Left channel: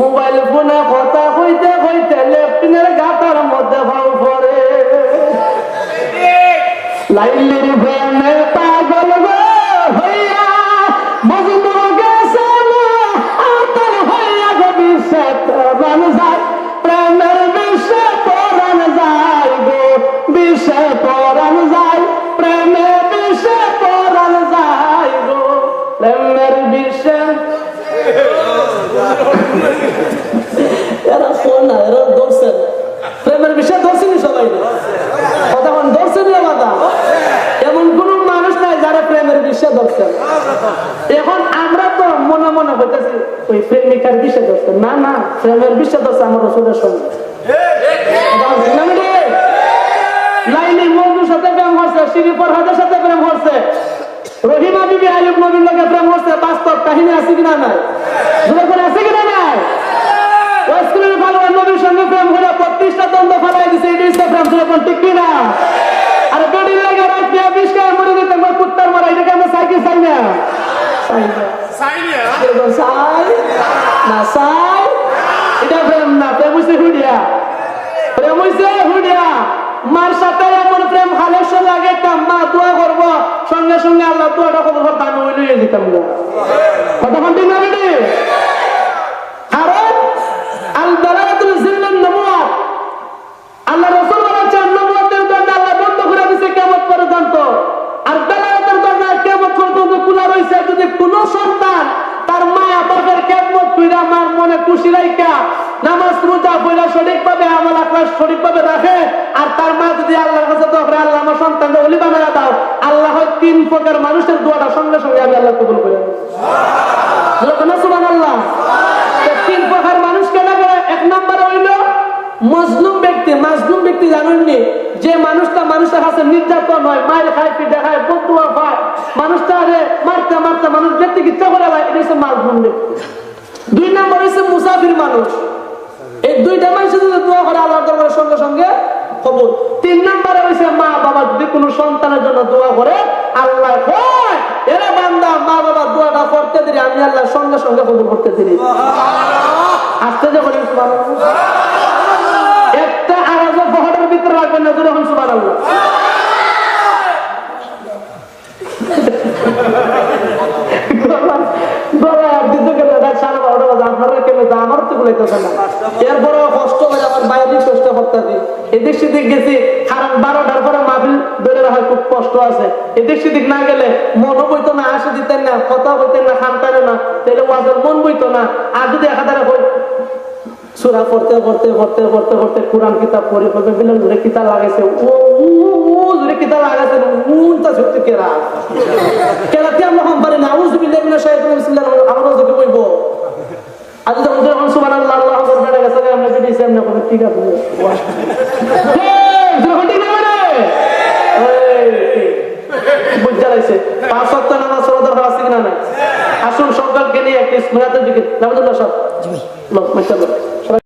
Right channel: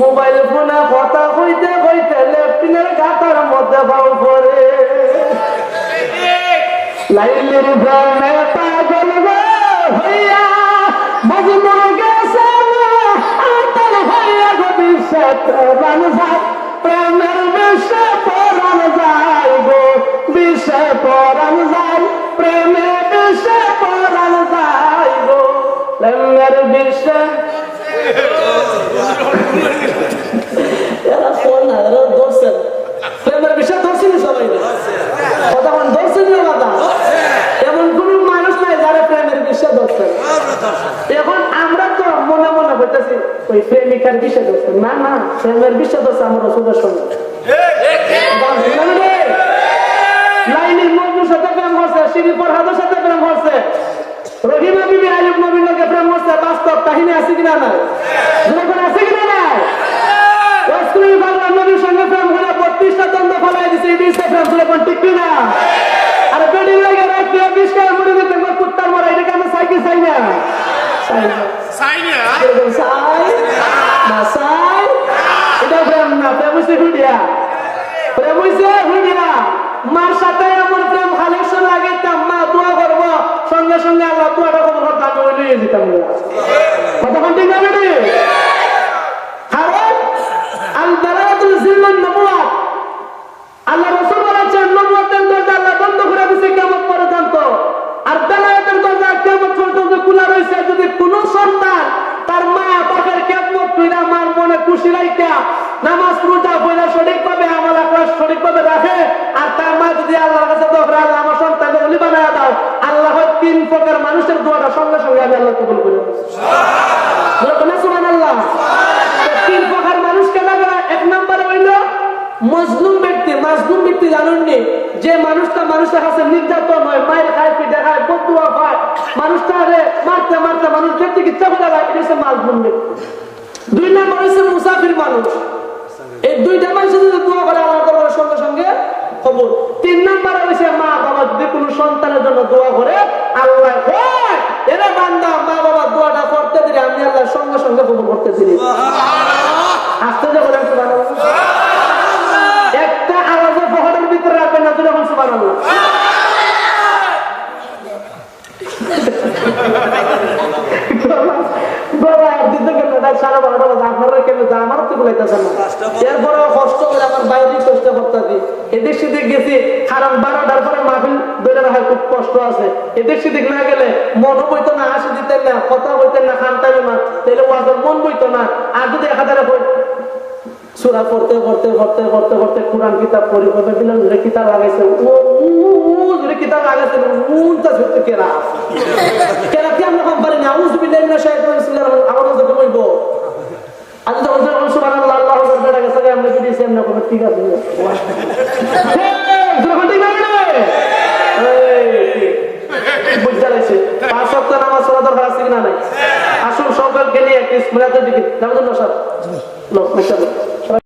mobile ফোনে কথা কইতে কইতে লেফটিনের গাতার মধ্যে ভাও পড়ে লাইলির প্রেমে পাগল হইয়া মজনু গেছে আতল হইয়া গো বিষে পরাণ যায় প্রেমের বিষে পরাণ যায় গো বিষে পরাণ যায় প্রেমে বিষে পরাণ যায় গো প্রেমের বিষে এরা ফোন না এরা ধরছেন প্রেমের বিষয় ধরছেনি সবাই কথা ধরছেনি বাবা এমন কোন মানুষ নাই যারা প্রেমের বিষয় ধরছেন এখন আমরা তো মনে মনে বলতেছি ওই প্রেমিকার বিষয় ধরছেন না না প্রেমের বিষয় ধরছে আমার রসুলের সঙ্গে লাইনি মজনুর সাথে প্রেম হচ্ছে শিবি ফরহাদের সাথে প্রেম হচ্ছে রহিমা বিবি আইয়ুব নবীর লগে প্রেম হচ্ছে বাস্তব কাহিনী আছে কিনা নাই যখন আছে কিনা নাই ওয়াসকুলের বাবা নবীর সঙ্গে প্রেম হলে 32টা দ্বন্দ্ব ফেলাই দিছে এই বিষয়ে প্রেম ছিল কোন ঠিক কিনা আর বেডির লাগে রাত দিয়ে 20 টাকা মরে যেতে একবার কুত্তার মারা এটাকে আমরা চাই কি চাই না চাই না চাই এটা প্রেম না প্রেম হইছে হুডিয়া প্রেম হইছে হুডিয়া মার সাথে এমন প্রেম কালেকশন লাগাইতাম মা দোয়া করবো সঙ্গে সঙ্গে আল্লাহ দোয়াটা কবুল করতাম ওই লইয়ে দিতাম কতক্ষণ ঠিক না বেটি কারণ আল দালালাতুল জিল্লান নবুয়াত আল্লাহ রাসূল বলেছেন নবুয়তের দরজা আল্লাহ বন্ধ করে দিয়েছে কিয়ামত পর্যন্ত আর দালালাতের দরজা কিয়ামত পর্যন্ত খোলা রয়েছে যদি কোনো সন্তান তার মা বাবার খেদমত কইরা মার মনে খুশি রাখা নামাজ রোজা পড়া সঠিকভাবে আমল আখলাস সঠিকভাবে রাখে আর তার মা যদি আল্লাহর কাছে দোয়া করে আল্লাহ আমার সন্তানকে ওলি বানায়া দাও আল্লাহ 3 প্রকার মানুষের দোয়াটা সঙ্গে সঙ্গে আমি আল্লাহ কবুল করে নেব সুবহানাল্লাহ 3 প্রকার মানুষ কেনা করে 1 নম্বর হইল মজলুম ব্যক্তি জানেননি যে মানুষটা মানুষের কাছে নির্যাতন হয় মায়ের খায় পিঠা খায় বদুয়া খায় মানুষটা মারতে মারতে মানুষ যেতে ইচ্ছা করে এটা হচ্ছে মজলুম ব্যক্তি 2 নম্বর হচ্ছে মুসাফির মানুষ এই 2টা মানুষ যদি দোয়া করে আল্লাহর দরবারে সঙ্গে সঙ্গে কবুল 3 নম্বরে হচ্ছে মা বাবা যদি কোনো সন্তানের জন্য দোয়া করে আল্লাহ কয় এরে বান্দা মা বাবা দোয়াটা করতে দিলে আমি আল্লাহ সঙ্গে সঙ্গে কবুল করতে দিই আসতে যে বলেন সুবহানাল্লাহ একটা আওয়াজও বহরের ভিতরে রাখবেন না যখন সুবহানাল্লাহ এরপরেও কষ্ট করে আমার বাইরে কষ্ট করতেছি এদিক সেদিক গেছি কারণ 12টার পরে মাহফিল বের হয় খুব কষ্ট আছে এদিক সেদিক না গেলে মনও বইতো না হাসি দিতেন না কথা বইতেন না খান পাইল না তাহলে ওয়াজের মন বইতো না আর যদি একাধারে সূরা পড়তে পড়তে পড়তে পড়তে পড়তে কোরআন কিতাব পড়ি পড়তে দিলেন জুড়ে কিতাব লাগাইছে জুড়ে কিতাব লাগাইছে উনটা সত্যি কেরাতে আমরা কম পারি না আউযু বিল্লাহি মিনাশ শাইতানির বিসমিল্লাহির রহমানির রহিম আবার ওকে বইবো আজ যখন যখন সুবহানাল্লাহ আল্লাহু আকবার বেড়ে গেছে আমরা যদি সামনে কোনো ঠিক আছে যখন ঠিক না মানে এই বুঝা লাগছে 5 ওয়াক্ত নামাজ পড়া দরকার আছে কিনা নাই আসুন সকলকে নিয়ে একটি স্মরণের দিকে নামাজ পড়া সব জি ভাই লোক মাশাআল্লাহ